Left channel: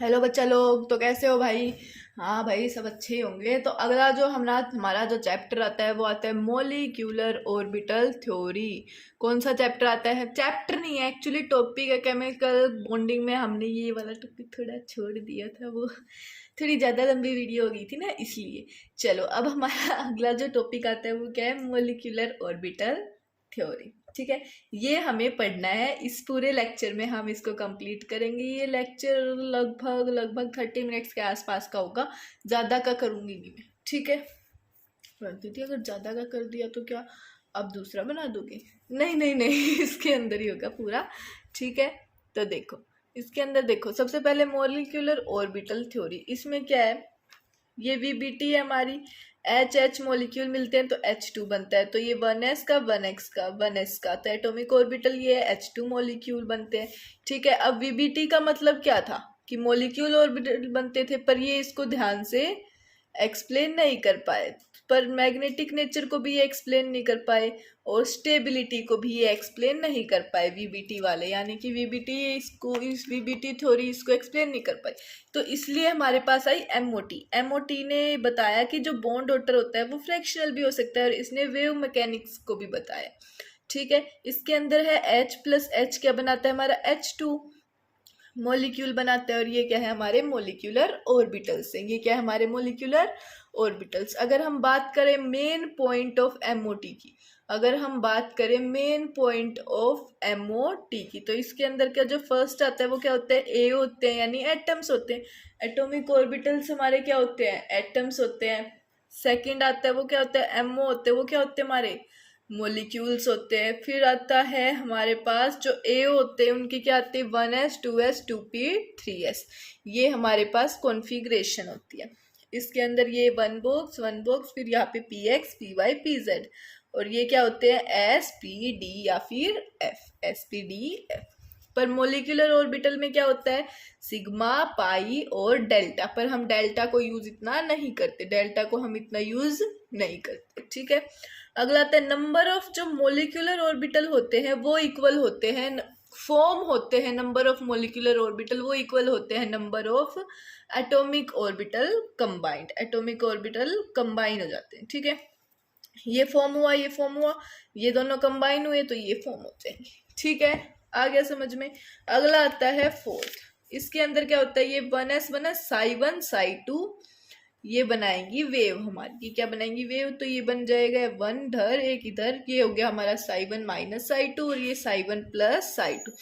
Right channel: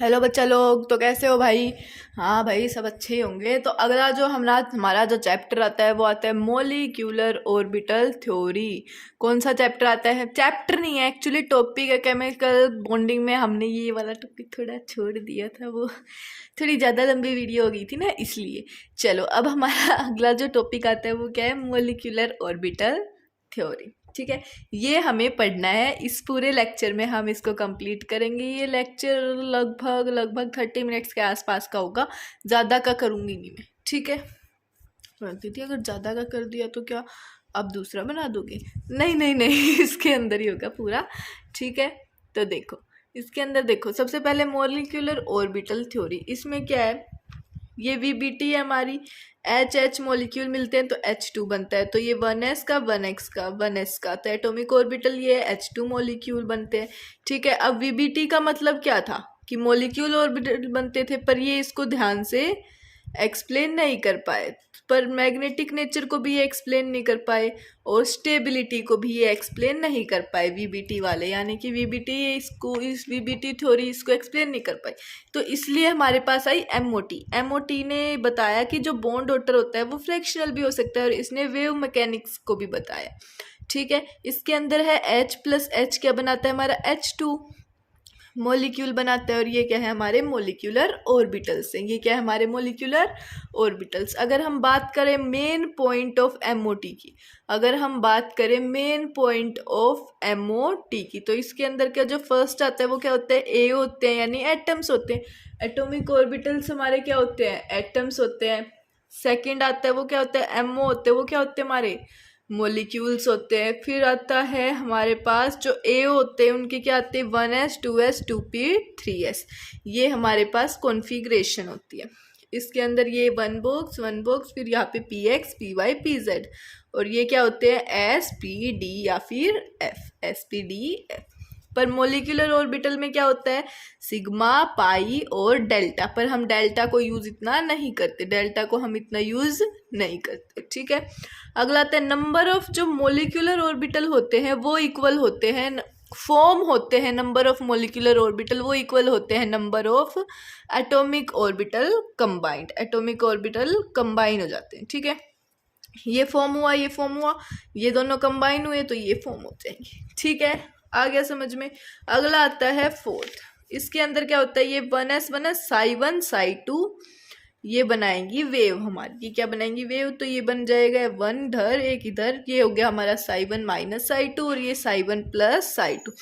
Hello बच्चा लोग, तो कैसे हो भाई। हाँ भाई, सब अच्छे ही होंगे। तो अगला जो हमारा जो चैप्टर आता है वो आता है मॉलिक्यूलर ऑर्बिटल थ्योरी। कौन सा चैप्टर आता है? चैप्टर नहीं है एक्चुअली, टॉपिक है केमिकल बॉन्डिंग में। हमने ये वाला टॉपिक थोड़ा छोड़ दिया था, वो थोड़ी ज़्यादा लंबी वीडियो हो गई थी ना, इसलिए। चलो, अब हमारा अगला जो टॉपिक आता है वो क्या है? Molecular orbital theory. ठीक है, ये हमें पढ़ना है। इस पूरे लेक्चर में हम इसको कंप्लीट करेंगे। ये लेक्चर लगभग लगभग 30 मिनट्स के आसपास का होगा, ज़्यादा का करूँगी नहीं मैं। ठीक है, दीदी अगर ज़्यादा का कर दिया तो क्या अब दूसरा बना दोगे? नहीं नहीं नहीं इसके अंदर ही होगा पूरा। ठीक है, तो देखो, इसके अंदर देखो, सबसे पहले मॉलिक्यूलर ऑर्बिटल थ्योरी। इसमें क्या है? ये वीबीटी है हमारी। एच एच मॉलिक्यूल मिलते हैं तो H2 बनता है। तो ये 1s का 1x का 1s का, तो एटॉमिक ऑर्बिटल ये H2 मॉलिक्यूल बनते हैं। ठीक है, अब वीबीटी का मतलब क्या था कि मॉलिक्यूल ऑर्बिटल बनते थे, पर ये इसको ध्यान से एक्सप्लेन नहीं कर पाए। पर मैग्नेटिक नेचर को भी ये एक्सप्लेन नहीं कर पाए और स्टेबिलिटी को भी ये एक्सप्लेन नहीं कर पाए वीबीटी वाले, यानी कि वीबीटी इसको, इस वीबीटी थ्योरी इसको एक्सप्लेन नहीं कर पाई। तो इसलिए हमारे पास आई एमओटी। एमओटी ने बताया कि जो बॉन्ड ऑर्डर होता है वो फ्रैक्शनल भी हो सकता है, और इसने वेव मैकेनिक्स को भी बताया। ठीक है, इसके अंदर है H प्लस H क्या बनाता है? हमारा H2 मॉलिक्यूल बनाता है। और ये क्या है? हमारे मॉलिक्यूलर ऑर्बिटल्स हैं। ये क्या है? हमारे मॉलिक्यूलर ऑर्बिटल्स। अगर हम बात करें मेन पॉइंट ऑफ एमओटी की, अगर हम बात करें मेन पॉइंट ऑफ एमओटी की, तो इसके अंदर क्या जो फर्स्ट आता है वो क्या होता है? ए होते हैं, यानी एटम्स होते हैं। एटॉमिक ऑर्बिटल्स हमारे क्या होते हैं? एटम्स होते हैं। सेकंड आता है वो क्या होता है? एमओ होते हैं, वो क्या होते हैं? हमारे मोलिक्यूल्स होते हैं। फिर आता है हमारे पास जो ए होते हैं, उनके क्या आते हैं? 1s 2s 2p 3s। ये हमारे पास कॉन्फ़िगरेशन होती है। इसके अंदर ये वन बॉक्स, फिर यहाँ पे px py pz, और ये क्या होते हैं? s p d या फिर f, s p d f। पर मोलिकुलर ऑर्बिटल में क्या होता है? सिग्मा, पाई और डेल्टा। पर हम डेल्टा को यूज इतना नहीं करते, डेल्टा को हम इतना यूज नहीं करते। ठीक है, अगला आता है नंबर ऑफ जो मोलिकुलर ऑर्बिटल होते हैं वो इक्वल होते हैं, फॉर्म होते हैं नंबर ऑफ मोलिकुलर ऑर्बिटल वो इक्वल होते हैं number of atomic orbital combined. Atomic orbital combine हो जाते हैं। ठीक है, ये फॉर्म हुआ, ये फॉर्म हुआ, ये दोनों कंबाइन हुए तो ये फॉर्म हो जाएंगे। ठीक है, आ गया समझ में। अगला आता है फोर्थ। इसके अंदर क्या होता है? ये 1s साई 1 साई 2 ये बनाएंगी वेव हमारी। ये क्या बनाएंगी? वेव। तो ये बन जाएगा 1 इधर एक इधर, ये हो गया हमारा साई 1 माइनस साई 2, और ये साई 1 प्लस साई 2।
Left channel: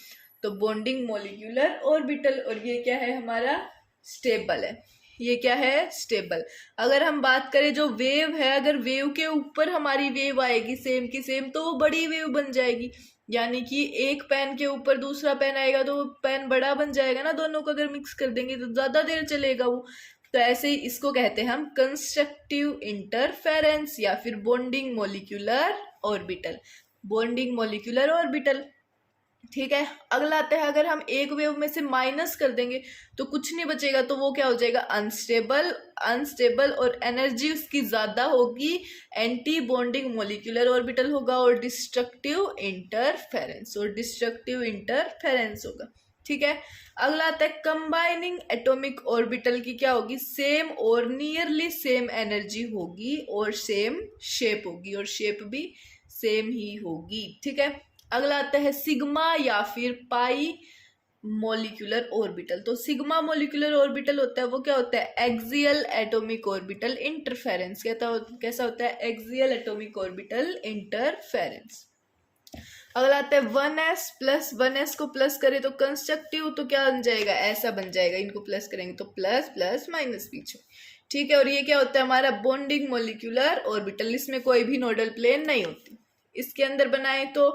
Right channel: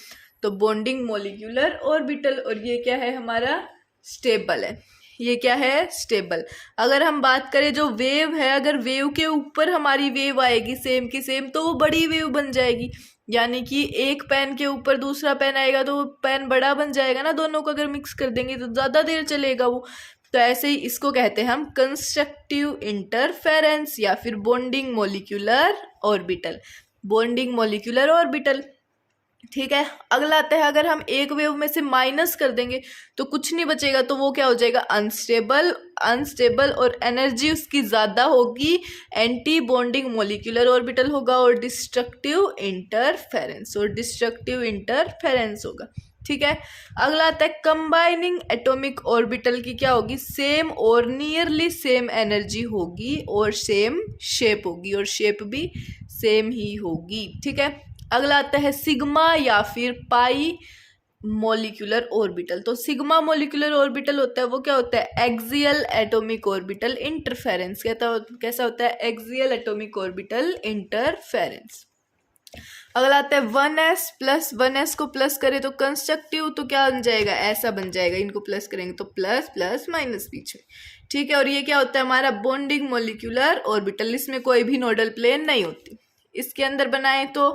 तो बॉन्डिंग मोलिकुलर ऑर्बिटल। और ये क्या है? हमारा स्टेबल है। ये क्या है? स्टेबल। अगर हम बात करें जो वेव है, अगर वेव के ऊपर हमारी वेव आएगी सेम की सेम, तो वो बड़ी वेव बन जाएगी। यानी कि एक पेन के ऊपर दूसरा पेन आएगा तो वो पेन बड़ा बन जाएगा ना। दोनों को अगर मिक्स कर देंगे तो ज्यादा देर चलेगा वो। तो ऐसे ही इसको कहते हैं हम कंस्ट्रक्टिव इंटरफेरेंस या फिर bonding molecular orbital. Bonding molecular orbital. ठीक है, अगला आता है अगर हम एक वेव में से माइनस कर देंगे तो कुछ नहीं बचेगा, तो वो क्या हो जाएगा? अनस्टेबल। अनस्टेबल और एनर्जी उसकी ज्यादा होगी, एंटी बॉन्डिंग मोलिकुलर ऑर्बिटल होगा, और डिस्ट्रक्टिव इंटरफेरेंस, और डिस्ट्रक्टिव इंटरफेरेंस होगा। ठीक है, अगला आता है कंबाइनिंग एटॉमिक ऑर्बिटल की क्या होगी? सेम और नियरली सेम एनर्जी होगी, और सेम शेप होगी, और शेप भी सेम ही होगी। ठीक है, अगला आता है सिग्मा या फिर पाई मोलिकुलर ऑर्बिटल। तो सिग्मा मोलिकुलर ऑर्बिटल होता है वो क्या होता है? Axial atomic orbital interference. कैसा होता है? Axial atomic orbital interference. अगला आता है 1s प्लस 1s को प्लस करें तो कंस्ट्रक्टिव, तो क्या बन जाएगा? ऐसा बन जाएगा। इनको प्लस करेंगे तो प्लस प्लस माइनस बीच में। ठीक है, और ये क्या होता है? हमारा बॉन्डिंग मोलिकुलर ऑर्बिटल। इसमें कोई भी नोडल प्लेन नहीं होती। इसके अंदर बनाए तो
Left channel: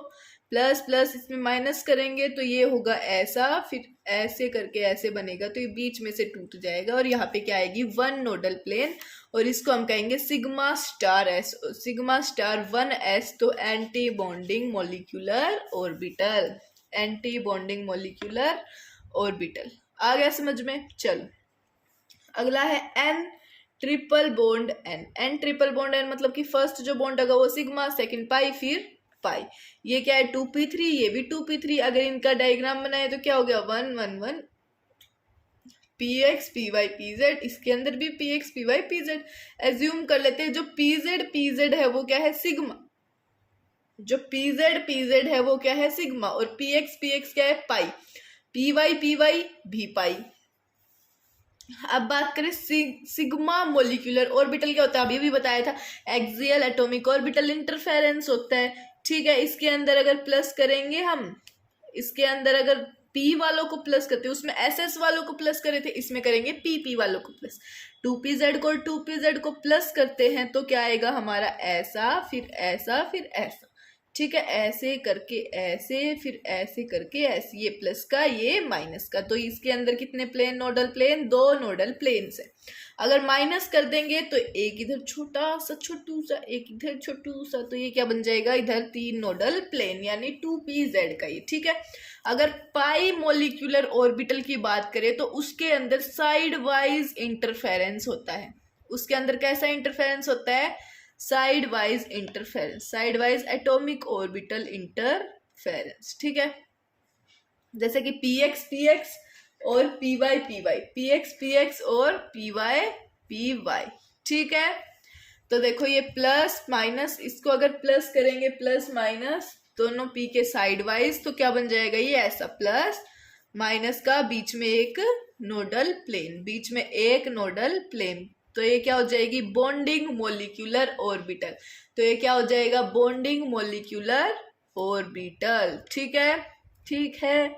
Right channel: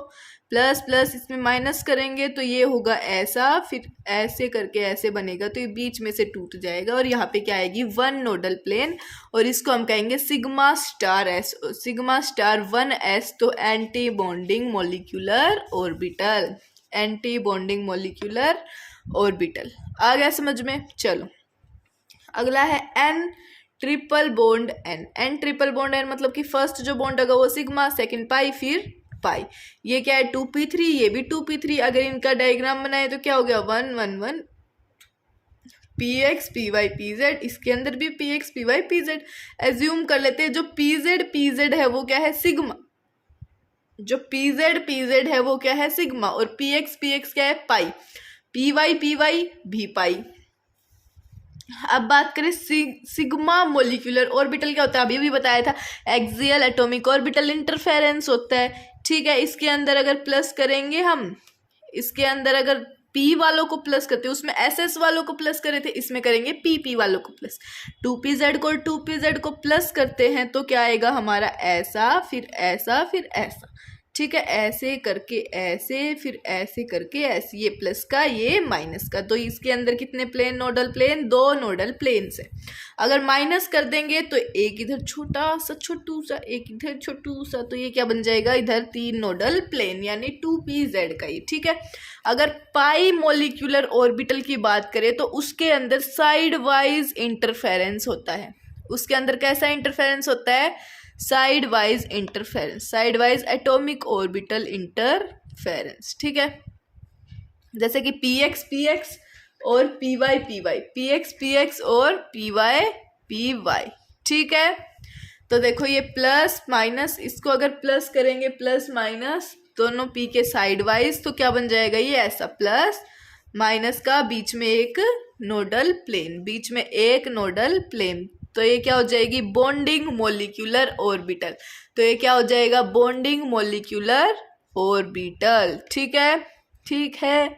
प्लस प्लस, इसमें माइनस करेंगे तो ये होगा ऐसा, फिर ऐसे करके ऐसे बनेगा, तो ये बीच में से टूट जाएगा, और यहाँ पे क्या आएगी? 1 नोडल प्लेन, और इसको हम कहेंगे sigma star S. Sigma star 1s, तो anti bonding molecular orbital. Anti bonding molecular orbital. आ गया समझ में? चलो, अगला है N triple bond N. N triple bond N मतलब कि फर्स्ट जो बॉन्ड होगा वो सिग्मा, सेकंड पाई, फिर पाई। ये क्या है? 2p3, ये भी 2p3। अगर इनका डायग्राम बनाए तो क्या हो गया? 1 1 1 P X P Y P Z, इसके अंदर भी P X P Y P Z. Assume कर लेते हैं जो पी जेड है वो क्या है, सिग्मा। जो पी जेड है वो क्या है, सिग्मा। और पी एक्स क्या है, पाई। पी वाई भी पाई। अब बात करें सिग्मा मोलिकुलर ऑर्बिटल क्या होता है, अभी भी बताया था, एक्सियल एटॉमिक ऑर्बिटल इंटरफेरेंस होता है। ठीक है, इसके अंदर अगर प्लस करेंगे हम, इसके अंदर अगर पी वालों को प्लस करते हैं, उसमें एस एस वालों को प्लस करे थे, इसमें करेंगे पी वालों को प्लस। 2pz को प्लस करते हैं तो क्या आएगा हमारा, ऐसा फिर ऐसा फिर ऐसा। ठीक है, ऐसे करके ऐसे फिर ऐसे करके ऐसे, ये प्लस का ये माइनस का। तो इसके अंदर कितने plane, nodal plane, 2 nodal planes है। अगर माइनस कर देंगे तो एक इधर छोटा सा छोटू सा, एक इधर छोटू सा, तो ये क्या बन जाएगा, इधर 3 नोडल प्लेन, यानी 2pz का ये। ठीक है, अगर पाई मोलिकुलर ऑर्बिटल की बात करें तो उसके अंदर साइड वाइज इंटरफेरेंस होता है। उसके अंदर कैसा इंटरफेरेंस होता है, side wise interference, side wise atomic orbital interference. ठीक है, जैसे कि पी एक्स और पी वाई पी एक्स और पी वाई। ठीक है, तो देखो ये प्लस माइनस, इसको अगर प्लस करेंगे, प्लस माइनस दोनों पी के साइड वाइज, तो क्या बन जाएगा, ये ऐसा प्लस माइनस का बीच में एक नोडल प्लेन, बीच में एक नोडल प्लेन। तो ये क्या हो जाएगी, बॉन्डिंग मोलिकुलर ऑर्बिटल। तो ये क्या हो जाएगा, बॉन्डिंग मोलिकुलर ऑर्बिटल। ठीक है, ठीक है।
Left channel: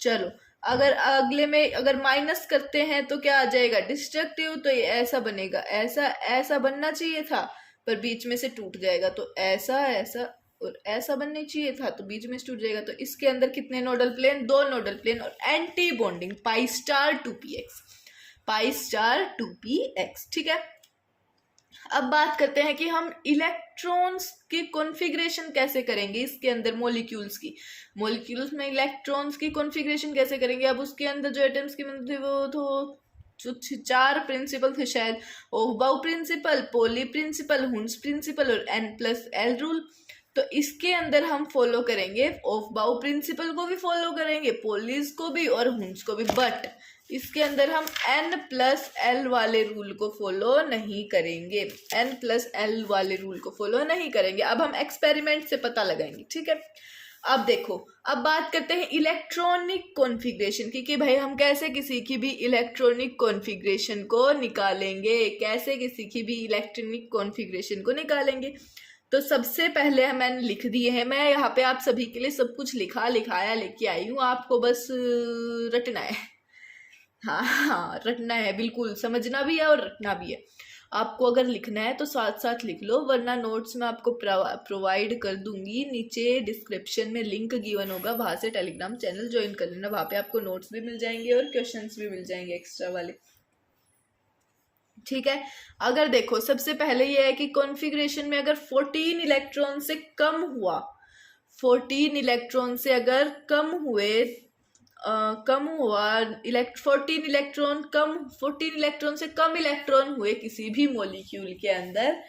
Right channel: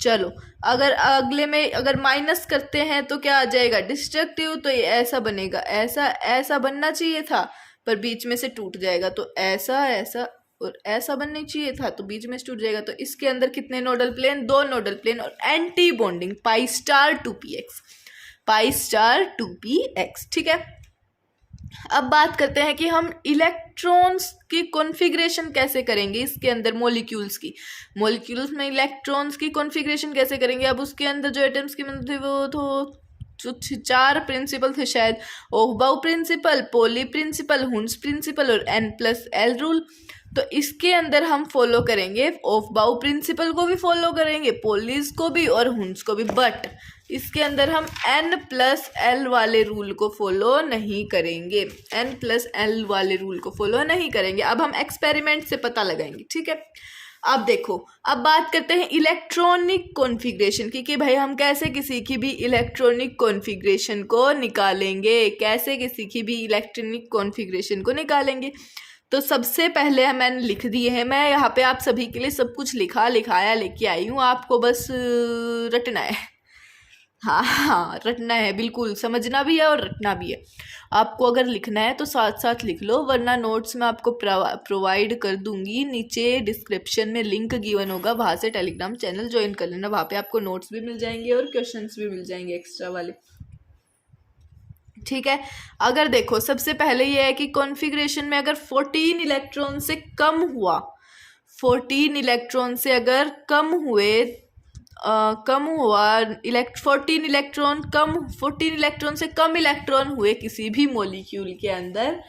चलो, अगर अगले में अगर माइनस करते हैं तो क्या आ जाएगा, डिस्ट्रक्टिव। तो ये ऐसा बनेगा, ऐसा ऐसा बनना चाहिए था पर बीच में से टूट जाएगा, तो ऐसा ऐसा और ऐसा बनना चाहिए था तो बीच में से टूट जाएगा। तो इसके अंदर कितने नोडल प्लेन, 2 नोडल प्लेन और एंटी बॉन्डिंग पाई स्टार 2px, पाई स्टार 2px। ठीक है, अब बात करते हैं कि हम इलेक्ट्रॉन्स की कॉन्फ़िगरेशन कैसे करेंगे इसके अंदर, मॉलिक्यूल्स में इलेक्ट्रॉन्स की कॉन्फ़िगरेशन कैसे करेंगे। अब उसके अंदर जो एटम्स की मतलब थे वो तो 4 प्रिंसिपल थे शायद, ओहबाउ प्रिंसिपल, पोली प्रिंसिपल, हुन्स प्रिंसिपल और N+L रूल। तो इसके अंदर हम फॉलो करेंगे ओहबाउ प्रिंसिपल को भी फॉलो करेंगे, पोलीज को भी और हुन्स को भी, बट इसके अंदर हम N+L वाले रूल को फॉलो नहीं करेंगे, N+L वाले रूल को फॉलो नहीं करेंगे। अब हम एक्सपेरिमेंट से पता लगाएंगे। ठीक है, अब देखो, अब बात करते हैं इलेक्ट्रॉनिक कॉन्फ़िगरेशन की, कि भाई हम कैसे किसी की भी इलेक्ट्रॉनिक कॉन्फ़िगरेशन को निकालेंगे, कैसे किसी की भी इलेक्ट्रॉनिक कॉन्फ़िगरेशन को निकालेंगे। तो सबसे पहले मैंने लिख दिए हैं, मैं यहाँ पे आप सभी के लिए सब कुछ लिखाया लेके आई हूँ, आपको बस रटना है। हाँ, रटना है, बिल्कुल समझना भी है और रटना भी है। आपको अगर लिखना है तो साथ साथ लिख लो, वरना नोट्स मैं आपको प्रोवाइड कर दूंगी, नीचे डिस्क्रिप्शन में लिंक गिवन होगा, वहाँ से टेलीग्राम चैनल ज्वाइन कर लेना, वहाँ पे आपको नोट्स भी मिल जाएंगे और क्वेश्चंस भी मिल जाएंगे एक्स्ट्रा वाले। ठीक है, अगर देखो सबसे पहले ये है कि कॉन्फ़िगरेशन में अगर 14 इलेक्ट्रॉन से कम हुआ, 14 इलेक्ट्रॉन से अगर कम हुए, 14 इलेक्ट्रॉन से कम इलेक्ट्रॉन हुए किसी भी मॉलिक्यूल के अंदर,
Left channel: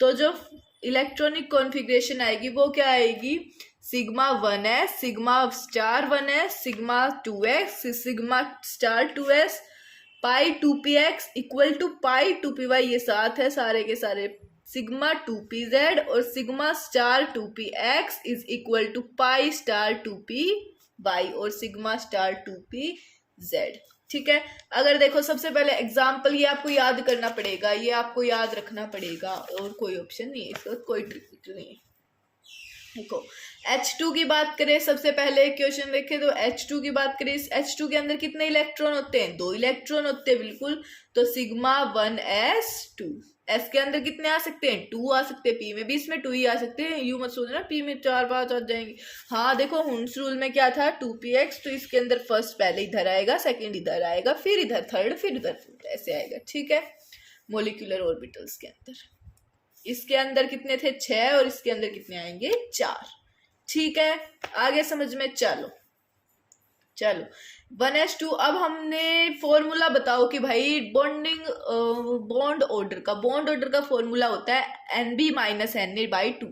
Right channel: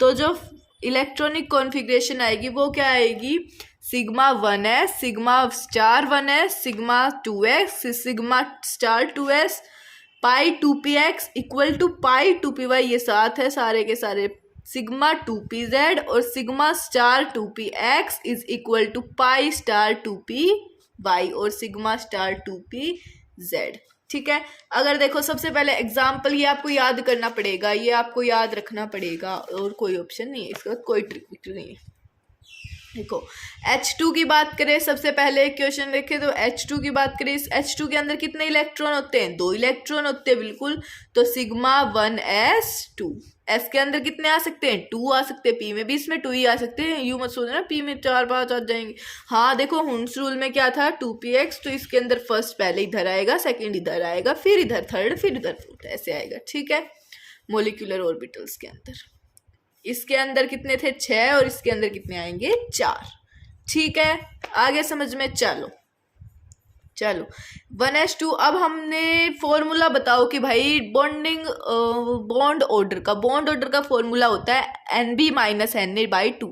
तो जो इलेक्ट्रॉनिक कॉन्फ़िगरेशन आएगी वो क्या आएगी, sigma 1s, sigma star 1s, sigma 2x, sigma star 2s, pi 2px equal to pi 2py, ये साथ है सारे के सारे, सिग्मा 2pz और sigma star 2px is equal to pi star 2py और सिग्मा स्टार 2pz। ठीक है, अगर देखो सबसे पहले एग्जाम्पल, ये आपको याद करना पड़ेगा, ये आपको याद रखना पड़ेगा और कोई ऑप्शन नहीं है, इसका कोई ट्रिक नहीं है। देखो H2 की बात करें, सबसे पहले क्वेश्चन देखें तो H2 की बात करें, इस H2 के अंदर कितने इलेक्ट्रॉन होते हैं, 2 इलेक्ट्रॉन होते हैं, बिल्कुल। तो सिग्मा 1s2, S के अंदर कितने आ सकते हैं, 2 आ सकते हैं, P में भी इसमें 2 ही आ सकते हैं, यू मत सोचना P में 4-5 आ जाएंगे। हाँ देखो, हुन्स रूल में क्या था, 2px, तो इसके अंदर फर्स्ट पहले इधर आएगा, सेकेंड इधर आएगा, फिर इधर थर्ड, फिर इधर फोर्थ, ऐसे आएगा। ठीक है, मोलिकुलर ऑर्बिटल्स के अंदर इसके अंदर कितने थे, 6, और इसके अंदर कितने आएंगे, 4। ठीक है, आगे समझ में चलो चलो 1s2। अब हमने फॉर्मूला बताओ कि भाई बॉन्ड ऑर्डर का फॉर्मूला होता है NB माइनस Na/2।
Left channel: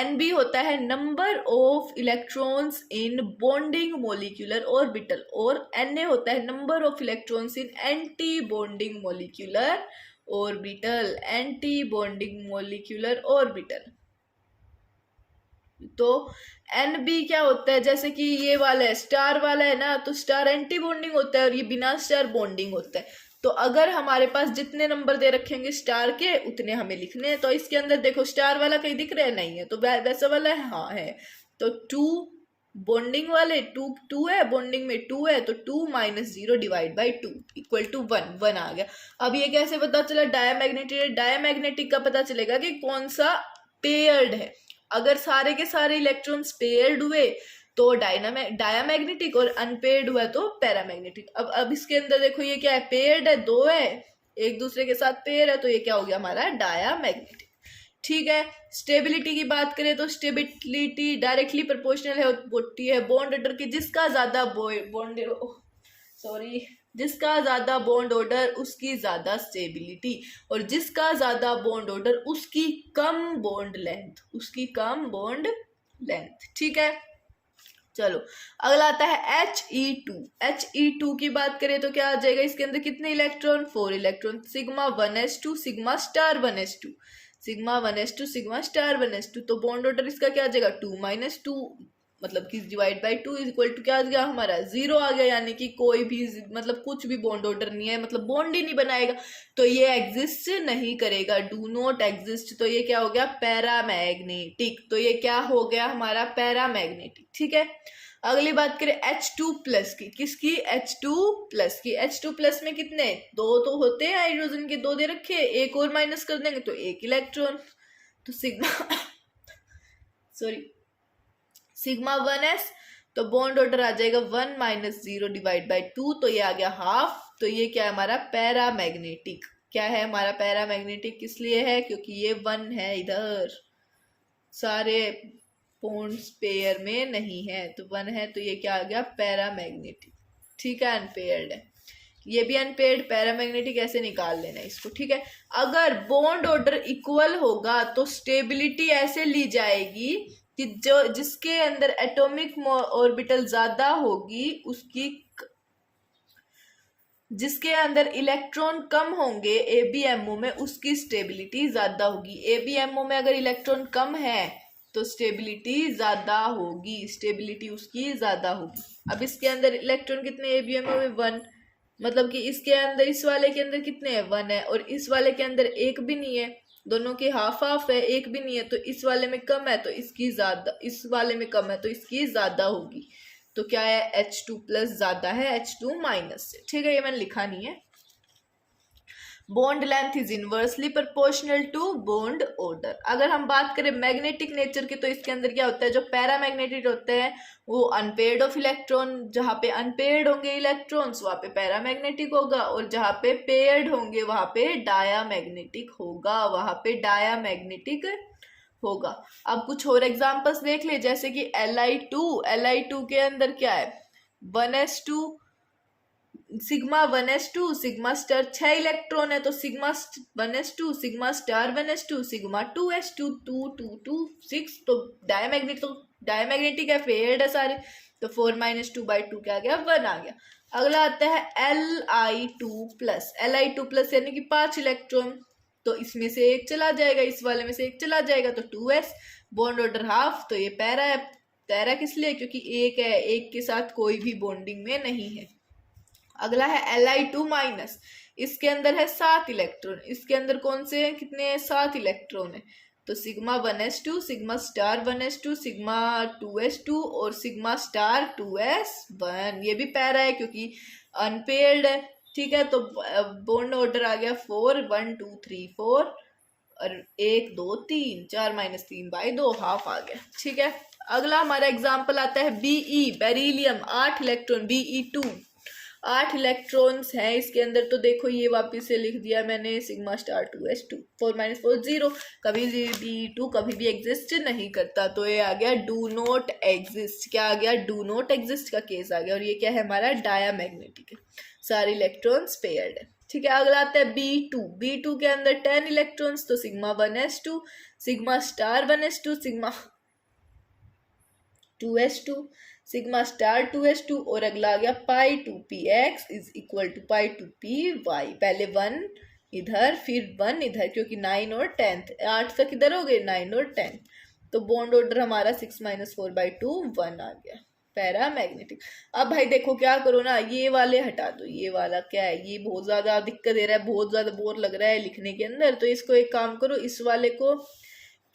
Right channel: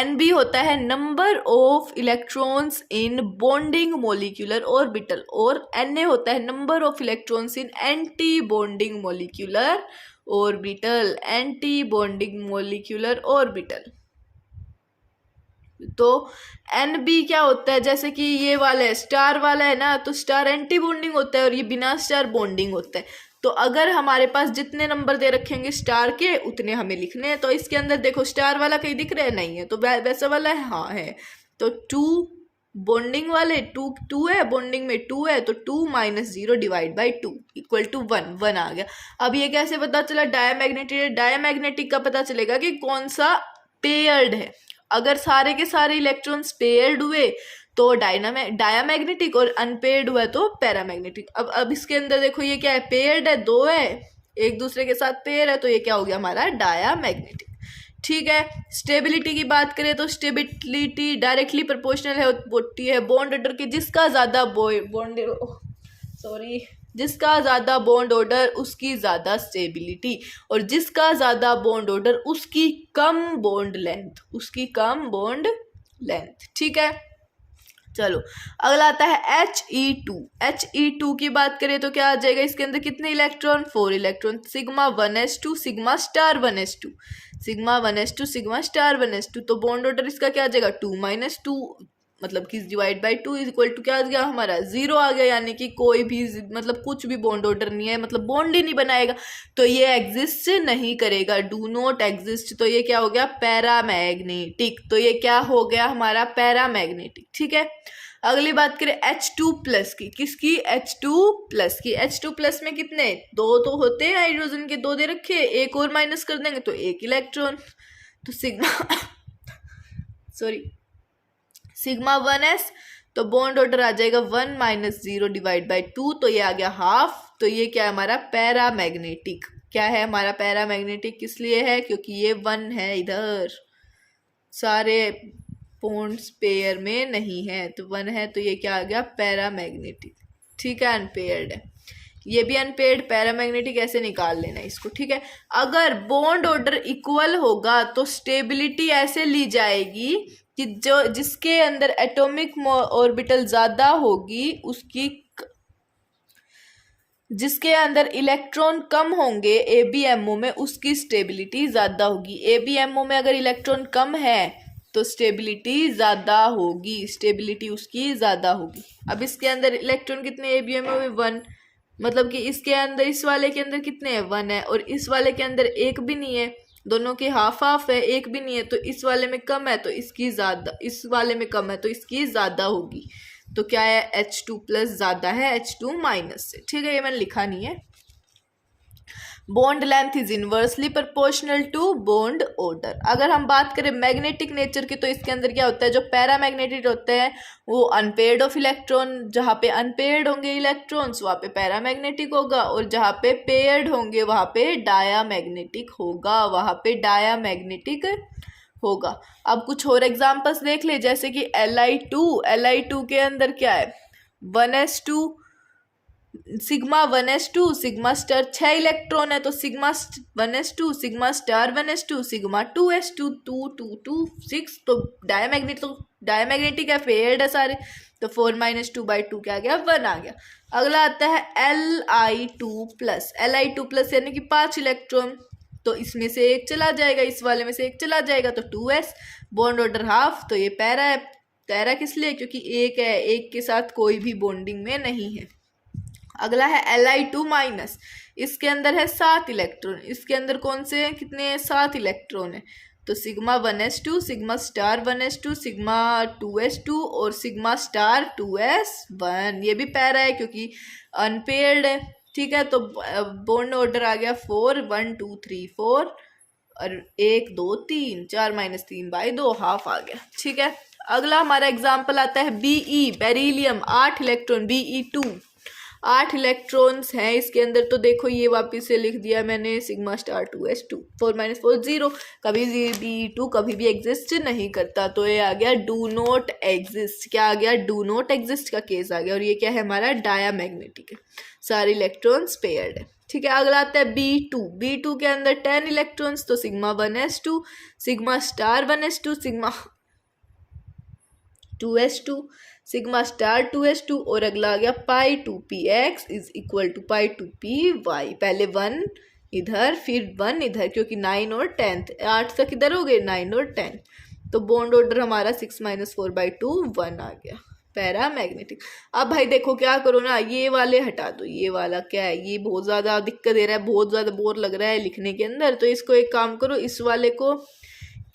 NB होता है number of electrons in bonding molecular orbital और Na होता है number of electrons in anti bonding molecular orbital. तो NB क्या होता है, जैसे कि ये वाला है स्टार वाला है ना, तो स्टार एंटी बॉन्डिंग होता है और ये बिना स्टार बॉन्डिंग होता है। तो अगर हमारे पास जितने नंबर दे रखेंगे स्टार के उतने हमें लिखने हैं। तो इसके अंदर देखो स्टार वाला कहीं दिख रहा है, नहीं है, तो वैसा वाला है, हाँ है। तो 2 बॉन्डिंग वाले 2 है, बॉन्डिंग में 2 है, तो 2 - 0 / 2 = 1 आ गया। अब ये कैसे पता चला? डायमैग्नेटिक का पता चलेगा कि कौन सा पेयर्ड है। अगर सारे के सारे इलेक्ट्रॉन्स पेयर्ड हुए तो डायमैग्नेटिक और अनपेयर्ड हुआ तो पैरामैग्नेटिक। अब इसके अंदर देखो ये क्या है, पेयर्ड है, 2 है, एक दूसरे के साथ पेयर है, तो ये क्या हो गया हमारा डायमैग्नेटिक। ठीक है। स्टेबिलिटी की बात करें तो स्टेबिलिटी डायरेक्टली प्रोपोर्शनल होती है बॉन्ड ऑर्डर की, जिसका ज्यादा बॉन्ड ऑर्डर उसकी ज्यादा स्टेबिलिटी, और जिसका ज्यादा बॉन्ड ऑर्डर उसकी कम बॉन्ड लेंथ। ठीक है। चलो अगला आता है He2 की बात करें तो क्या आ जाएगा? इसके अंदर कितने electron? 4 electron. Sigma 1s2 sigma star 1s2 तो बॉन्ड ऑर्डर इसका क्या आ जाएगा? 2 - 2 मतलब कि /2 = क्या आ गया हमारा? 0 आ गया, यानी कि कोई भी मतलब कुछ भी बॉन्ड ऑर्डर नहीं है, मतलब बॉन्ड ही नहीं बनाएगा, तो ये एग्जिस्ट नहीं करेगा, डू नॉट एग्जिस्ट। तो ये क्या हो गया? पैरामैग्नेटिक। तो ये क्या हो गया हमारा? पैरामैग्नेटिक। ठीक है। अगली बात करें H2+ की, किसकी? H2+ की। H2+ में कितने? 2 तो होते हैं हाइड्रोजन के, 2 दे रखे, एक और माइनस कर देंगे तो 1 इलेक्ट्रॉन। तो सिग्मा 1s, तो बॉन्ड ऑर्डर आ जाएगा 1 - 0 / 2, तो ये आ गया हाफ। तो ये क्या है हमारा? पैरामैग्नेटिक। क्या है हमारा? पैरामैग्नेटिक। किस लिए है? क्योंकि ये 1 है, इधर सारे बॉन्ड्स पेयर में नहीं है, तो 1 है, तो ये क्या आ गया? पैरामैग्नेटिक। ठीक है। अनपेयर्ड है, ये भी अनपेयर्ड, पैरामैग्नेटिक, ऐसे निकाल लेना इसको। ठीक है। अगर बॉन्ड ऑर्डर इक्वल होगा तो स्टेबिलिटी ऐसे ली जाएगी कि जिसके अंदर एटॉमिक ऑर्बिटल ज्यादा होगी उसकी, जिसके अंदर इलेक्ट्रॉन कम होंगे ABMO में उसकी स्टेबिलिटी ज्यादा होगी। ABMO में अगर इलेक्ट्रॉन कम है तो स्टेबिलिटी ज्यादा होगी, स्टेबिलिटी उसकी ज्यादा होगी। अब इसके अंदर इलेक्ट्रॉन कितने ABMO में? 1, मतलब कि इसके अंदर, इस वाले के अंदर कितने हैं? 1 है, और इस वाले के अंदर एक भी नहीं है, दोनों के हाफ हाफ है, एक भी नहीं है, तो इस वाले में कम है तो इसकी ज्यादा, इस वाले में कम है तो इसकी ज्यादा होगी। तो क्या है? H2+ ज्यादा है H2- से। ठीक है, ये मैंने लिखा नहीं है। Bond length is inversely proportional to bond order. अगर हम बात करें मैग्नेटिक नेचर की, तो इसके अंदर क्या होता है? जो पैरामैग्नेटिक होते हैं वो अनपेयर्ड ऑफ इलेक्ट्रॉन, जहाँ पे अनपेयर्ड होंगे इलेक्ट्रॉन्स वहाँ पे पैरामैग्नेटिक होगा, और जहाँ पे पेयर्ड होंगे वहाँ पे डायामैग्नेटिक होगा। अब कुछ और एग्जांपल्स देख ले, जैसे कि Li2 के अंदर क्या है? 1s2 sigma 1s2 sigma star 6 electron है, तो sigma 1s2 sigma star 1s2 sigma 2s2 2 2 2 6, तो डायमैग्नेटिक है, पेयर्ड है सारे, तो 4 - 2/2 क्या आ गया? 1 आ गया। अगला आता है Li2+ यानी कि 5 इलेक्ट्रॉन, तो इसमें से एक चला जाएगा, इस वाले में से एक चला जाएगा, तो 2s, बॉन्ड ऑर्डर हाफ, तो ये पैरा है। पैरा किस लिए? क्योंकि एक है, एक के साथ कोई भी बॉन्डिंग में नहीं है। अगला है Li2-, इसके अंदर है 7 इलेक्ट्रॉन, इसके अंदर कौन से हैं? कितने हैं? 7 इलेक्ट्रॉन है, तो sigma 1s2 sigma star 1s2 sigma 2s2 और सिग्मा स्टार 2s1, ये भी पैरा है क्योंकि अनपेयर्ड है। ठीक है, तो बॉन्ड ऑर्डर आ गया 4 1 2 3 4 और 1 2 3 4 - 3/2 हाफ आ गया। ठीक है। अगला हमारा एग्जाम्पल आता है Be beryllium 8 electron Be2। 8 electrons हैं इसके अंदर। तो देखो ये वापस से लिख दिया मैंने सिग्मा स्टार 2s2, 4 - 4 0, कभी भी टू कभी भी एग्जिस्ट नहीं करता। तो ये आ गया डू नॉट एग्जिस्ट। क्या आ गया? डू नॉट एग्जिस्ट का केस आ गया। और ये क्या है? हमारा डायामैग्नेटिक है, सारे इलेक्ट्रॉन्स पेयर्ड है। ठीक है, अगला आता है B2 के अंदर 10 इलेक्ट्रॉन्स, तो sigma 1s2, sigma star 1s2, sigma 2s2, sigma star 2s2, और अगला आ गया pi 2px is equal to pi 2py। पहले 1 इधर फिर 1 इधर, क्योंकि 9 और 10, 8 तक इधर हो गए, 9 और 10। तो बॉन्ड ऑर्डर हमारा 6 - 4/2 1 आ गया, पैरामैग्नेटिक। अब भाई देखो क्या करो ना, ये वाले हटा दो, ये वाला क्या है, ये बहुत ज़्यादा दिक्कत दे रहा है, बहुत ज़्यादा बोर लग रहा है लिखने के अंदर। तो इसको एक काम करो, इस वाले को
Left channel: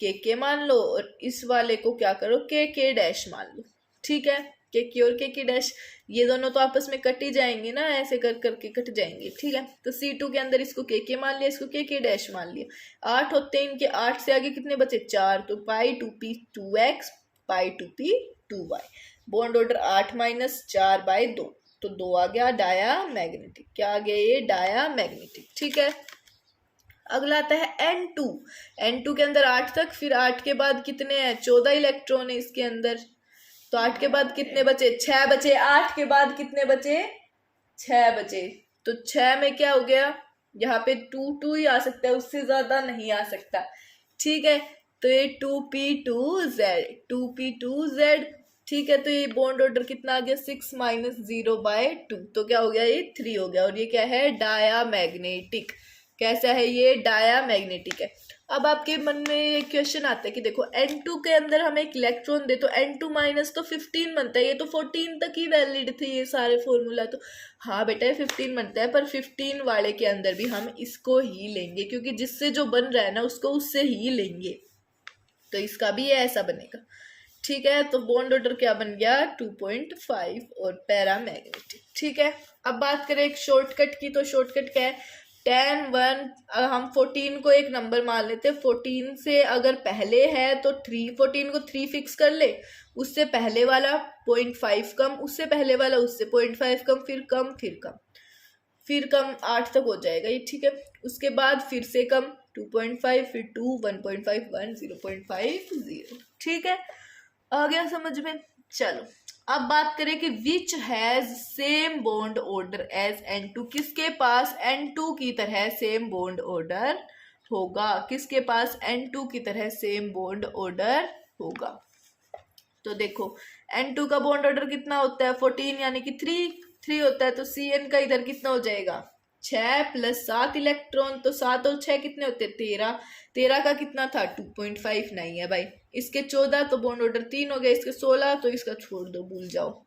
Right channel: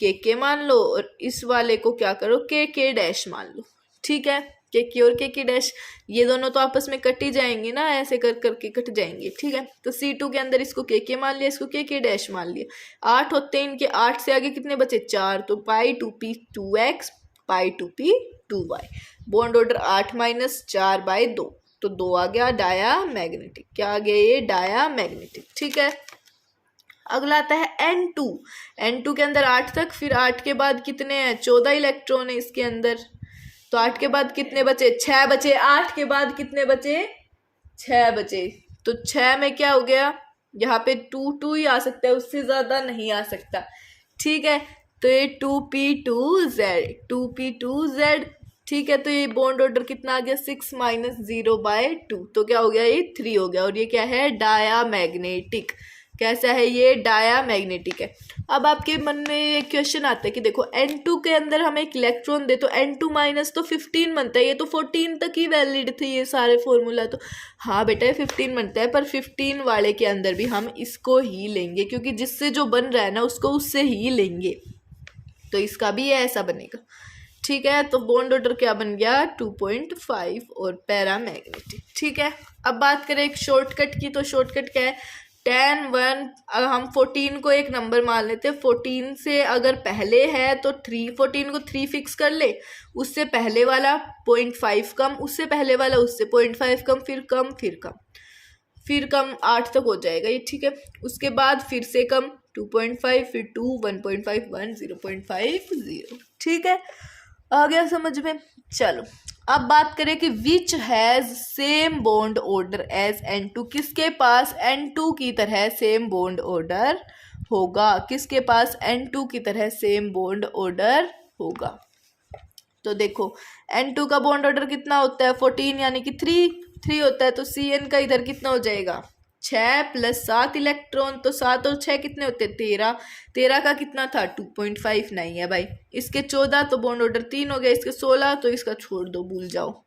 के मान लो और इस वाले को क्या करो के डैश मान लो। ठीक है, के और के डैश, ये दोनों तो आपस में कट ही जाएंगे ना, ऐसे कर करके कट जाएंगे। ठीक है, तो C2 के अंदर इसको के मान लिया, इसको के डैश मान लिया। 8 होते हैं इनके, 8 से आगे कितने बचे? 4, तो पाई 2p 2x पाई 2p 2y। बॉन्ड ऑर्डर 8 - 4/2, तो 2 आ गया डायामैग्नेटिक। क्या आ गया? ये डायामैग्नेटिक। ठीक है, अगला आता है N2 के अंदर 8 तक, फिर 8 के बाद कितने हैं? 14 इलेक्ट्रॉन है इसके अंदर। तो 8 के बाद कितने बचे? 6 बचे। 8 के बाद कितने बचे? 6 बचे। तो 6 में क्या हो गया? यहाँ पे 2 ही आ सकता है, उससे ज्यादा नहीं आ सकता। ठीक है, तो ये 2p2z। ठीक है, तो ये बॉन्ड ऑर्डर कितना आ गया? 6 - 0/2, तो क्या हो गया? ये 3 हो गया। और ये क्या है? डायामैग्नेटिक। कैसा है ये? डायामैग्नेटिक है। अब आपके मन में एक क्वेश्चन आता है कि देखो N2 के अंदर हम एक इलेक्ट्रॉन दे तो N2- तो 15 बनता है, ये तो 14 तक ही वैलिड थे ये सारे फॉर्मूला। तो हाँ बेटा ये 15 बनता है, पर 15 वाले के अंदर भी हम इसको ही लेंगे, क्योंकि जिससे जो बन रहा है ना उसको उससे ही लेंगे। तो इसका भी ये ऐसा बनेगा। ठीक है, तो बॉन्ड ऑर्डर क्या बन गया? 2.5 और पैरामैग्नेटिक। ठीक है, अब बात करें एक शॉर्टकट की, तो शॉर्टकट क्या है? 10 1, हम 14 को एक नंबर मान लेते हैं। 14 से अगर पहले है तो 3, 14 को 3 फिक्स कर ले, उससे पहले वाला 0.5 कम, उससे पहले वाला उससे 0.5 कम, फिर कम फिर कम फिर कम, 8 तक हो जाएगा ये। ठीक है, उसके बाद फिर से कम 2.5, फिर 2, 1.5 1, 0.5 0। ठीक है, आ गया समझ में? चलो अब बात करें कि which has same bond order as N2। किसके पास N2 की तरह सेम बॉन्ड ऑर्डर होगा? किसके पास N2 की तरह सेम बॉन्ड ऑर्डर होगा? तो देखो N2 का बॉन्ड ऑर्डर कितना होता है? 14, यानी कि 3 होता है। तो Cn का इधर कितना हो जाएगा? 6 + 7 इलेक्ट्रॉन, तो 7 और 6 कितने होते हैं? 13। 13 का कितना था? 2.5 नहीं है भाई। इसके 14, तो बॉन्ड ऑर्डर 3 हो गया। इसके 16, तो इसका छोड़ दो, भूल जाओ।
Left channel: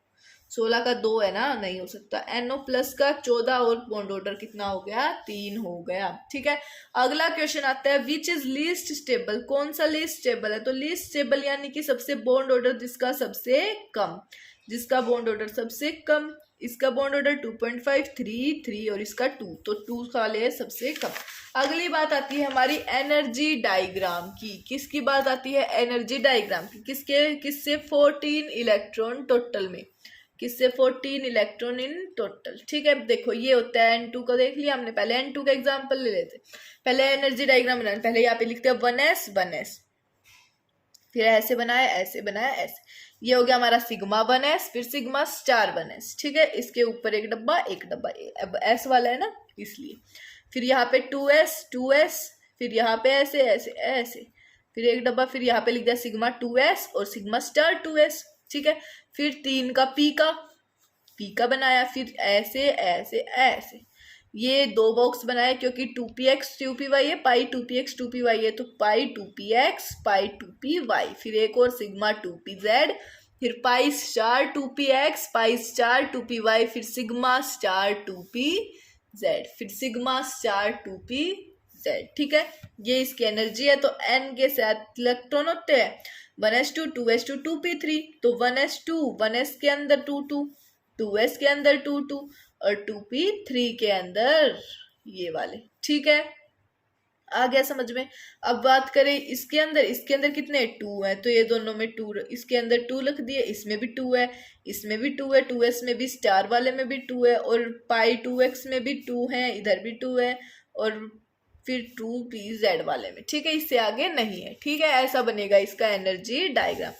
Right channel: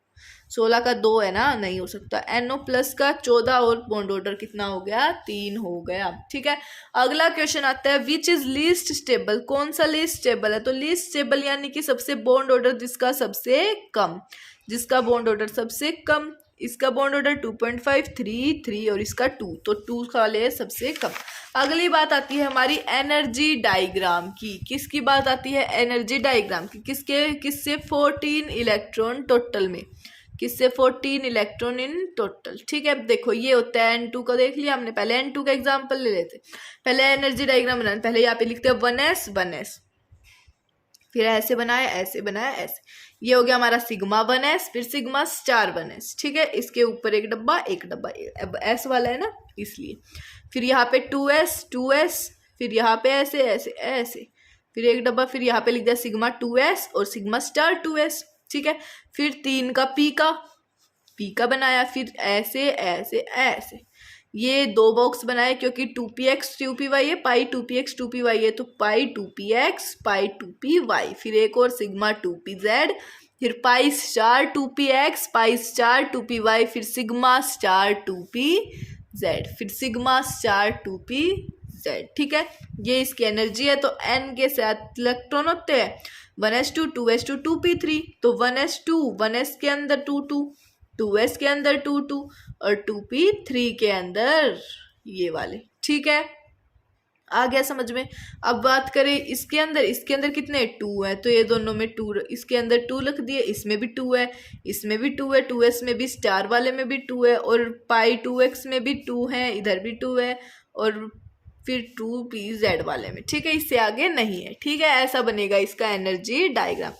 16 का 2 है ना, नहीं हो सकता। NO+ का 14 और बॉन्ड ऑर्डर कितना हो गया? 3 हो गया। ठीक है, अगला क्वेश्चन आता है विच इज लीस्ट स्टेबल। कौन सा लीस्ट स्टेबल है? तो लीस्ट स्टेबल यानी कि सबसे बॉन्ड ऑर्डर जिसका सबसे कम, जिसका बॉन्ड ऑर्डर सबसे कम। इसका बॉन्ड ऑर्डर 2.5 3 3 और इसका 2, तो 2 का ले सबसे कम। अगली बात आती है हमारी एनर्जी डायग्राम की। किसकी बात आती है? एनर्जी डायग्राम की। किससे? 14 इलेक्ट्रॉन टोटल में, किससे? 14 इलेक्ट्रॉन इन टोटल। ठीक है, देखो ये होता है N2 को देख लिया हमने। पहले N2 का एग्जांपल ले लेते, पहले एनर्जी डायग्राम बनाना। पहले यहाँ पे लिखते हैं 1s, फिर ऐसे बनाया, ऐसे बनाया, ऐसे। ये हो गया हमारा सिग्मा 1s, फिर सिग्मा स्टार 1s। ठीक है, इसके ऊपर एक डब्बा, अब S वाला है ना इसलिए। फिर यहाँ पे 2s, फिर यहाँ पे ऐसे ऐसे ऐसे, फिर एक डब्बा, फिर यहाँ पे लिख दिया सिग्मा 2s और सिग्मा स्टार 2s। ठीक है, फिर 3 का पी का बनाया, फिर ऐसे ऐसे ऐसे, ये 2 बॉक्स बनाए क्योंकि 2px 2py है, पाई 2px 2py है, तो पाई 2px पाई 2py। फिर एक और सिग्मा 2pz, फिर पाई स्टार 2px पाई स्टार 2py, फिर सिग्मा स्टार 2pz, फिर सिग्मा स्टार 2pz। ठीक है, ये इसकी एनर्जी है। तो n के साथ इलेक्ट्रॉन होते हैं 1s2 2s2 2p3, तो 1s2 1s के अंदर 2 2, 2s के अंदर 2 2 और 2p3 के अंदर ये वाले। ठीक है, आ गया समझ में। अब बात करें इसके अंदर कितने 2 है, तो ये दोनों में 2, इसके अंदर 2 लिख दिए, इसमें भी 2 है, इसमें भी 2 है, 2s में भी, स्टार वाले में भी 2 है, और पाई 2x में भी 2 है, इधर भी 2 है, और फिर 2pz वाले में। ठीक है, इससे आगे नहीं है। ठीक है, ऐसा बनेगा इसका एनर्जी डायग्राम।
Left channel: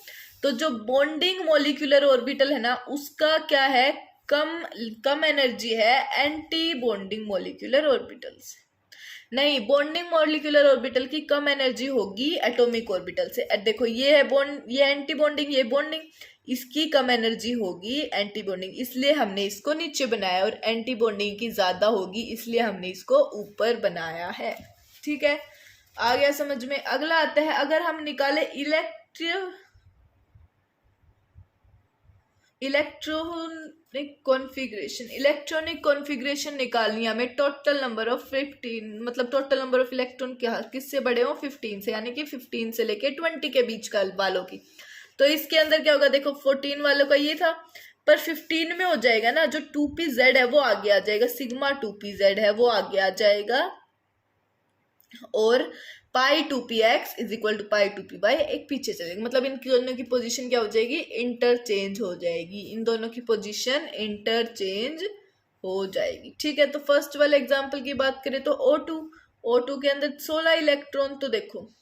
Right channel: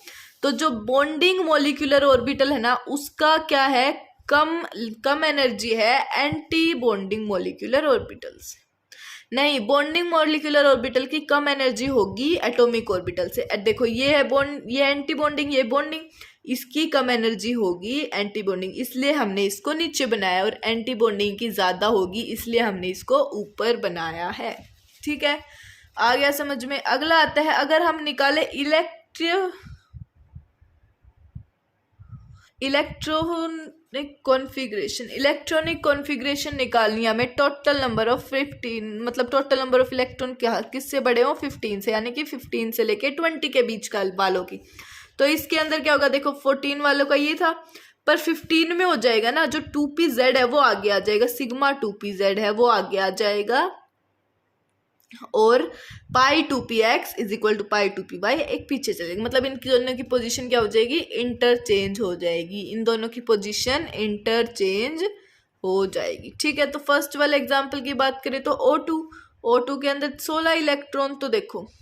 तो जो बॉन्डिंग मॉलिक्यूलर ऑर्बिटल है ना, उसका क्या है, कम एनर्जी है एंटी बॉन्डिंग मॉलिक्यूलर ऑर्बिटल से। नहीं, बॉन्डिंग मॉलिक्यूलर ऑर्बिटल की कम एनर्जी होगी एटॉमिक ऑर्बिटल से। देखो ये है बॉन्ड, ये एंटी बॉन्डिंग, ये बॉन्डिंग, इसकी कम एनर्जी होगी एंटी बॉन्डिंग, इसलिए हमने इसको नीचे बनाया, और एंटी बॉन्डिंग की ज्यादा होगी इसलिए हमने इसको ऊपर बनाया है। ठीक है, आ गया समझ में। अगला आता है, अगर हम निकाले इलेक्ट्रॉनिक कॉन्फ़िगरेशन निकालनी है हमें। टोटल नंबर ऑफ 15, मतलब टोटल नंबर ऑफ इलेक्ट्रॉन क्या किससे बड़े हो, 15 से, यानी कि 15 से लेके 20 के बीच का वालों की। तो इसके अंदर क्या होगा, देखो 14 वालों का ये था, पर 15 में हो जाएगा ना, जो 2pz है वो आगे आ जाएगा, सिग्मा 2pz है वो आगे आ जाएगा, और pi 2px is equal to pi 2py एक पीछे चलेगा। मतलब इन दोनों की पोजीशन क्या हो जाएगी, इंटरचेंज हो जाएगी, इन दोनों की पोजीशन इंटरचेंज हो जाएगी। ठीक है, तो फर्स्ट वाले एग्जांपल की बात करें तो O2 के अंदर 16 इलेक्ट्रॉन, तो देखो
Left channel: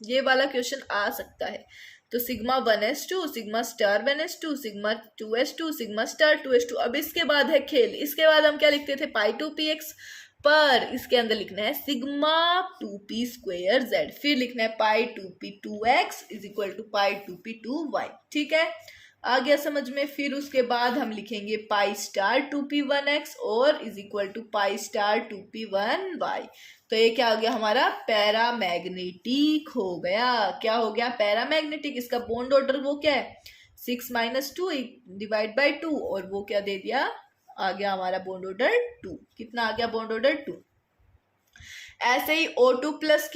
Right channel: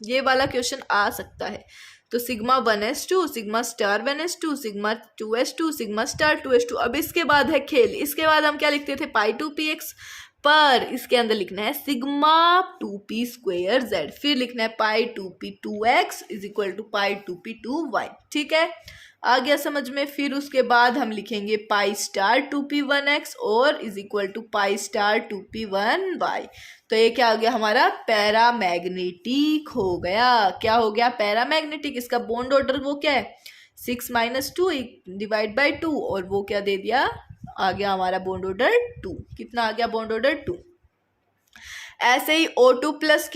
ये वाला क्वेश्चन आ सकता है। तो sigma 1s2, sigma star 1s2, sigma 2s2, sigma star 2s2। अब इसके बाद है खेल, इसके बाद हम क्या लिखते थे, पाई 2px, पर इसके अंदर लिखना है सिग्मा 2p²z, फिर लिखना है pi 2p2x is equal to pi 2p2y। ठीक है, आ गया समझ में। फिर उसके बाद हम लिखेंगे पाई स्टार 2p1x और is equal to pi star 2p1y। तो ये क्या आ गया हमारा, पैरामैग्नेटिक हो गया। क्या हो गया, पैरामैग्नेटिक। इसका बॉन्ड ऑर्डर वो क्या है, 6 - 2 डिवाइड बाई 2, और वो क्या दे दिया, आ गया हमारा बॉन्ड ऑर्डर 2। कितना आ गया बॉन्ड ऑर्डर 2। ऐसे ही O2 प्लस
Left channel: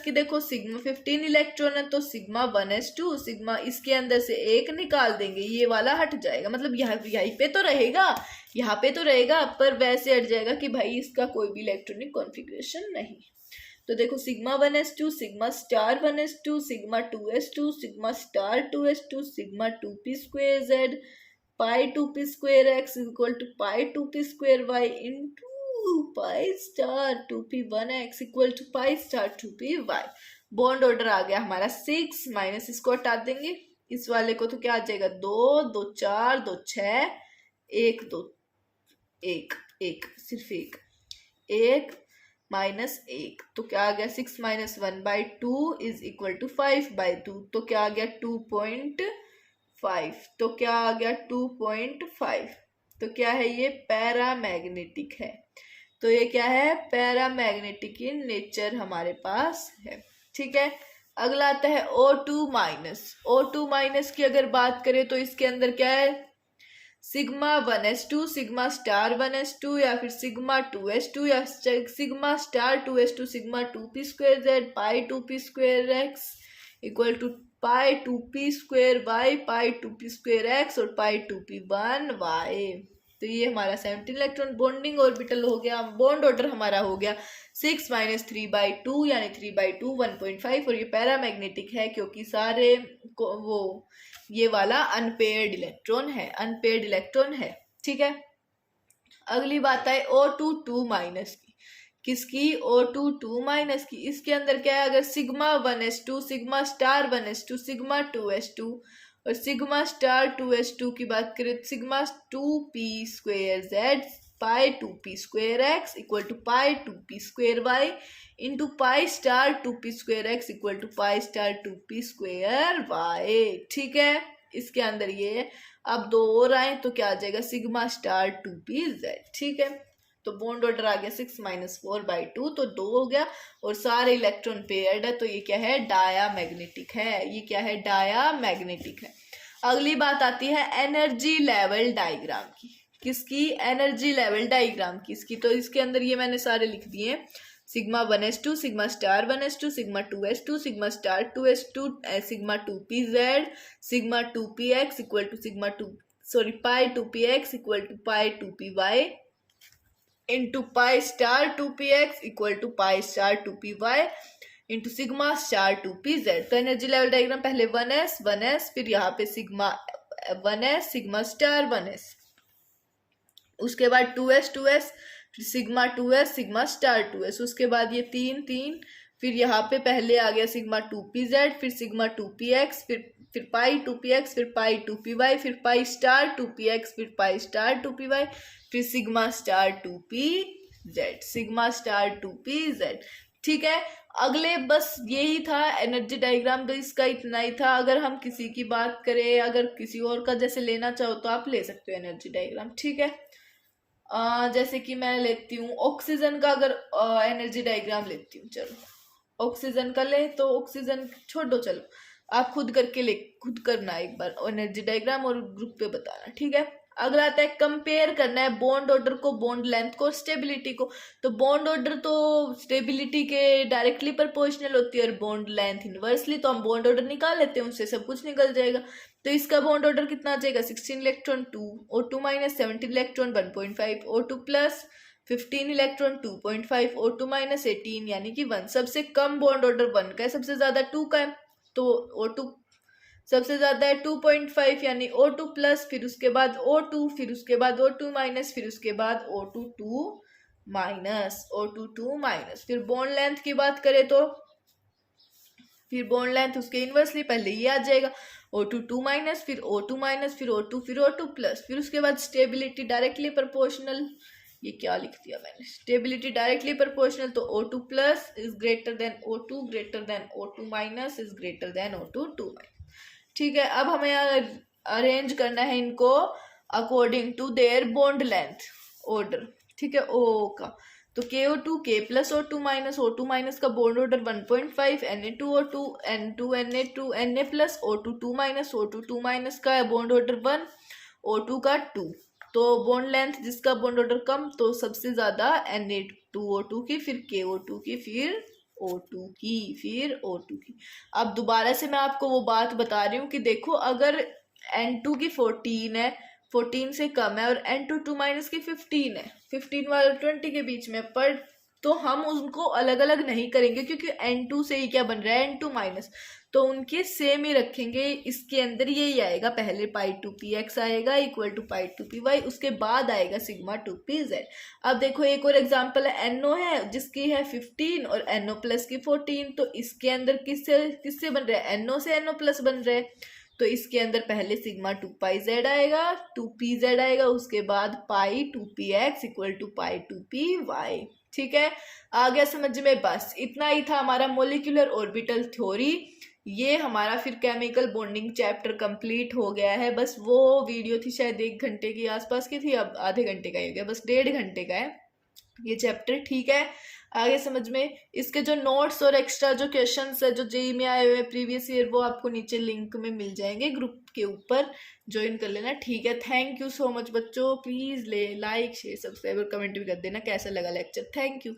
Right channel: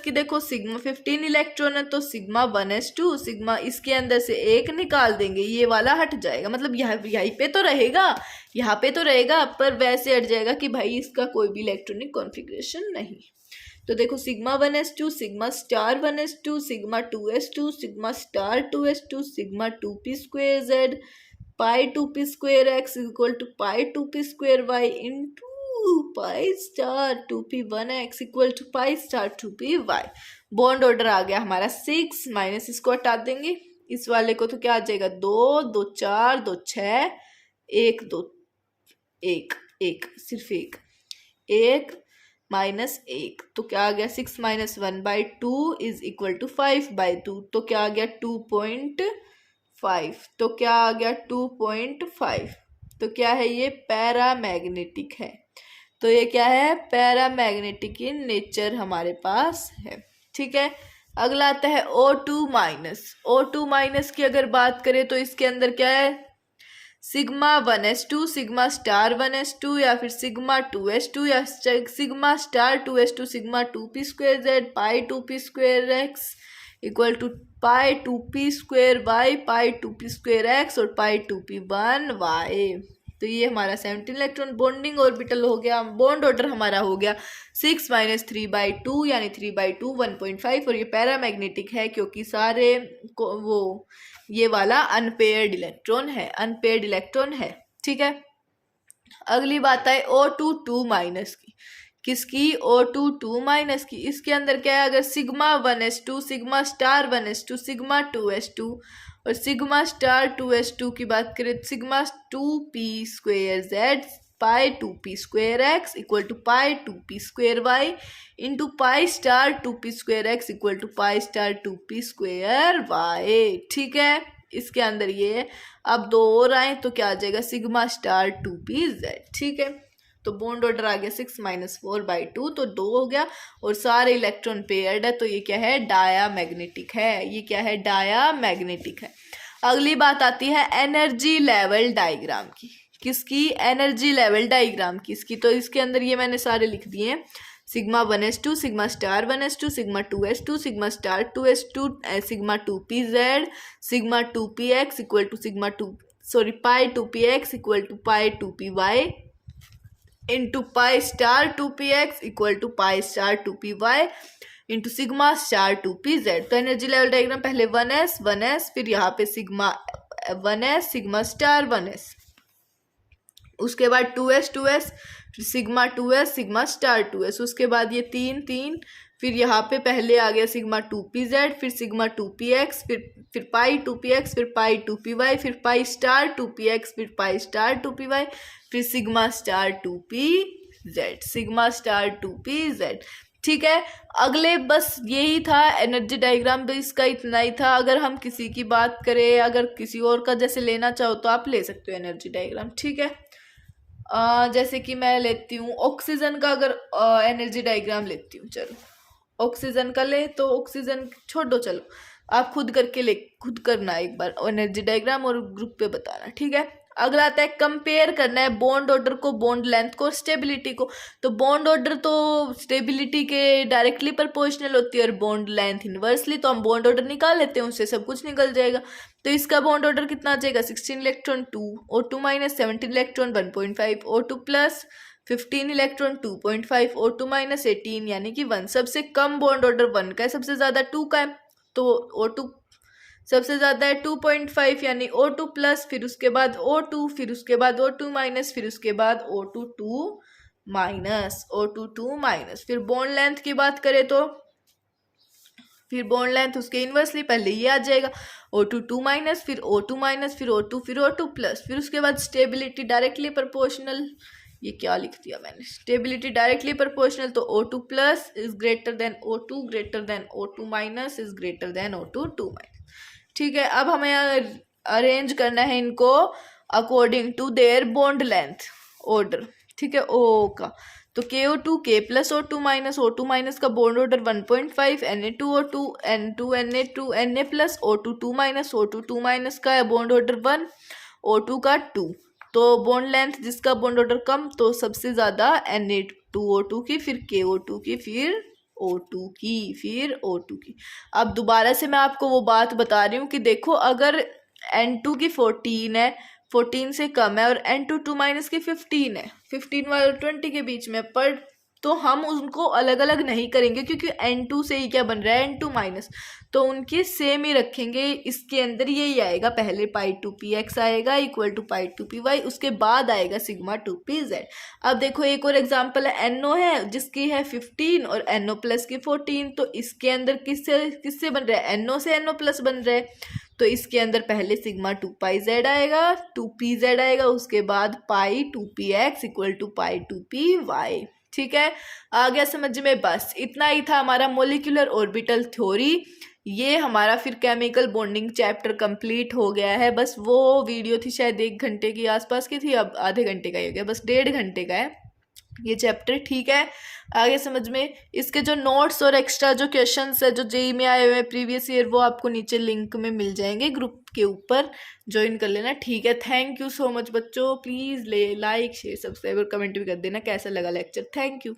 की देखो सिग्मा 15 इलेक्ट्रॉन है, तो सिग्मा 1s2, सिग्मा इसके अंदर से एक निकाल देंगे, ये वाला हट जाएगा, मतलब यहीं पे तो रहेगा, यहाँ पे तो रहेगा, पर वैसे हट जाएगा कि भाई इसका कोई भी इलेक्ट्रॉनिक कॉन्फ़िगरेशन नहीं। तो देखो sigma 1s2, sigma star 1s2, sigma 2s2, sigma star 2s2, sigma 2p²z, pi 2p² x is equal to pi 2p² y into pi star 2p1x equal to pi star 2p y। Bond order आ गया हमारा 6, minus इसको हटा देंगे, इस वाले को तो क्या आ जाएगा, 2 2 4 2 6 1 2 1 1, सिर्फ एक माइनस 1, तो क्या आ गया 6 - 1/2 इज इक्वल टू 5/2, तो क्या आ गया 2.5, तो क्या आ गया 2.5। तो क्या है ये, पैरामैग्नेटिक है। तो ये क्या है, पैरामैग्नेटिक इन नेचर हमारे पास है। ठीक है, अगला आता है O2 की अगर बात करें तो इसके अंदर क्या है, sigma 1s2, sigma star 1s2, या फिर सिग्मा 2s2, या sigma star 2s2, sigma 2p²z, pi 2p²x equal to pi 2p²y, pi 2p²x और पाई 2p1y। तो ये हमारा 17 इलेक्ट्रॉन बॉन्डिंग ऑर्बिटल हो गया। बॉन्ड ऑर्डर हमारा हो गया 6 - 3/2 यानी 3/2 1.5, और ये पैरामैग्नेटिक है क्योंकि सारे वो ये वाला अनपेयर्ड इलेक्ट्रॉन है। ठीक है, अगली बात है O2 की, किसकी, O2 की। इसके अंदर क्या है, अगर sigma 1s2, sigma star 1s2, sigma 2s2 और सिग्मा स्टार 2s2 की बात करें, sigma 2p²z, pi 2p²x equal to pi 2p²y into pi star 2p²x equal to pi star 2p²y। ठीक है, इसके अंदर ये अब 2 और आए तो क्या आ जाएगा, सिग्मा स्टार 2pz। ठीक है, तो बॉन्ड ऑर्डर आ गया 6 - 4/2, तो 2 हो गया, और सारे इलेक्ट्रॉन पेयर्ड है, तो ये क्या है, डायामैग्नेटिक है। ये क्या है, डायामैग्नेटिक है। अगली बात आती है एनर्जी लेवल डायग्राम की, किसकी, एनर्जी लेवल डायग्राम की इसकी। तो इसके अंदर ये मैंने सारे लिख दिए, sigma 1s2, sigma star 1s2, sigma 2s2, sigma star 2s2, sigma 2pz, sigma 2px equal to pi 2px equal to pi 2py, into pi star 2px equal to pi star 2py into sigma star 2pz। तो energy level diagram पहले 1s फिर यहाँ पे sigma 1s sigma star 1s, उसके बाद 2s फिर sigma 2s sigma star 2s, उसके बाद ये 3 फिर यहाँ पे पहले आ गया सिग्मा 2pz फिर सिग्मा 2px फिर पाई 2px फिर पाई 2py फिर पाई स्टार 2px फिर पाई स्टार 2py फिर sigma star 2pz sigma star 2pz। ठीक है, अगले बस यही था एनर्जी डायग्राम, तो इसका इतना ही था। अगर हम किसी की बात करें, अगर किसी और का जैसे लेना चाहो तो आप ले सकते हो एनर्जी डायग्राम। ठीक है, जैसे कि मैं लेती हूँ ऑक्सीजन का, अगर एनर्जी डायग्राम लेती हूँ, चलो ऑक्सीजन का ले, तो ऑक्सीजन छोड़ दो, चलो आप खुद करना एक बार एनर्जी डायग्राम और ग्रुप पे बताना। ठीक है, अगला आता है कंपेयर करना है बॉन्ड ऑर्डर को, बॉन्ड लेंथ को, स्टेबिलिटी को। तो बॉन्ड ऑर्डर तो स्टेबिलिटी के डायरेक्टली प्रोपोर्शनल होती है और बॉन्ड लेंथ इनवर्सली, तो हम बॉन्ड ऑर्डर निकाल लेते हैं, उससे सब कुछ निकल जाएगा। तो इसका बॉन्ड ऑर्डर कितना आ जाएगा, 16 electron 2 O2 minus 17 electron 1.5 O2 plus 15 electron 2.5 O2 minus 18 यानी कि 1। सबसे कम बॉन्ड ऑर्डर 1 का है, सबसे ज्यादा 2 का है, तो O2 सबसे ज्यादा है 2.5 यानी O2 प्लस, फिर उसके बाद O2 फिर उसके बाद O2 माइनस फिर उसके बाद O2 2 माइनस। फिर बॉन्ड लेंथ की बात करें तो फिर बॉन्ड लेंथ उसके इनवर्सली पहले ये आ जाएगा O2 2 माइनस फिर O2 माइनस फिर O2 फिर O2 प्लस, फिर उसके बाद स्टेबिलिटी डायरेक्टली प्रोपोर्शनल, ये क्या लिख दिया मैंने, स्टेबिलिटी डायरेक्टली प्रोपोर्शनल, तो O2 plus is greater than O2 greater than O2 minus is greater than O2 2 minus. ठीक है, अब हमें अरेंज करना है इनको according to their bond length order. ठीक है, ओ का तो KO2 K plus O2 minus का bond order 1.5, Na2O2 N2 Na2 Na plus O2 2 minus O2 2 minus का बॉन्ड ऑर्डर 1, O2 का 2। तो बॉन्ड लेंथ जिसका बॉन्ड ऑर्डर कम, तो सबसे ज्यादा Na2O2 की, फिर KO2 की, फिर O2 की, फिर O2 की। अब दोबारा से मैं आपको वो बात बता रही हूँ कि देखो अगर N2 की 14 है, 14 से कम है, और N2 माइनस की 15 है, 15 और 20 के बीच में, पर तो हम उनको अलग अलग नहीं करेंगे क्योंकि N2 से ही क्या बन रहा है, N2 माइनस, तो उनके सेम ही रखेंगे। इसके अंदर यही आएगा, पहले पाई 2px आएगा इक्वल टू पाई 2py, उसके बाद आएगा सिग्मा 2pz। अब देखो एक और एग्जांपल है, NO है जिसकी है 15 और NO प्लस की 14, तो इसके अंदर किससे बन रहा है, NO से NO प्लस बन रहा है, तो इसके अंदर पहले सिग्मा 2pz आएगा 2pz आएगा, उसके बाद पाई 2px equal to pi 2py। ठीक है, आ गया समझ में? बस इतना ही था हमारा मोलिकुलर ऑर्बिटल थ्योरी। ये हमारा फिर केमिकल बॉन्डिंग चैप्टर कंप्लीट हो गया है। बस वो वीडियो थी शायद 1 घंटे की आसपास की थी, अब आधे घंटे का ही हो गया, बस 1.5 घंटे का है ये चैप्टर। ठीक है, आगे समझ में। इसके जो नोट्स और एक्स्ट्रा जो क्वेश्चंस है जो जेई में आए हुए हैं प्रीवियस ईयर, वो आपको नीचे लिंक में मिल जाएंगे, ग्रुप के ऊपर ज्वाइन कर लेना। ठीक है, थैंक यू सो मच बच्चों, प्लीज़ लाइक शेयर सब्सक्राइब और कमेंट भी कर देना कैसा लगा लेक्चर। Thank you.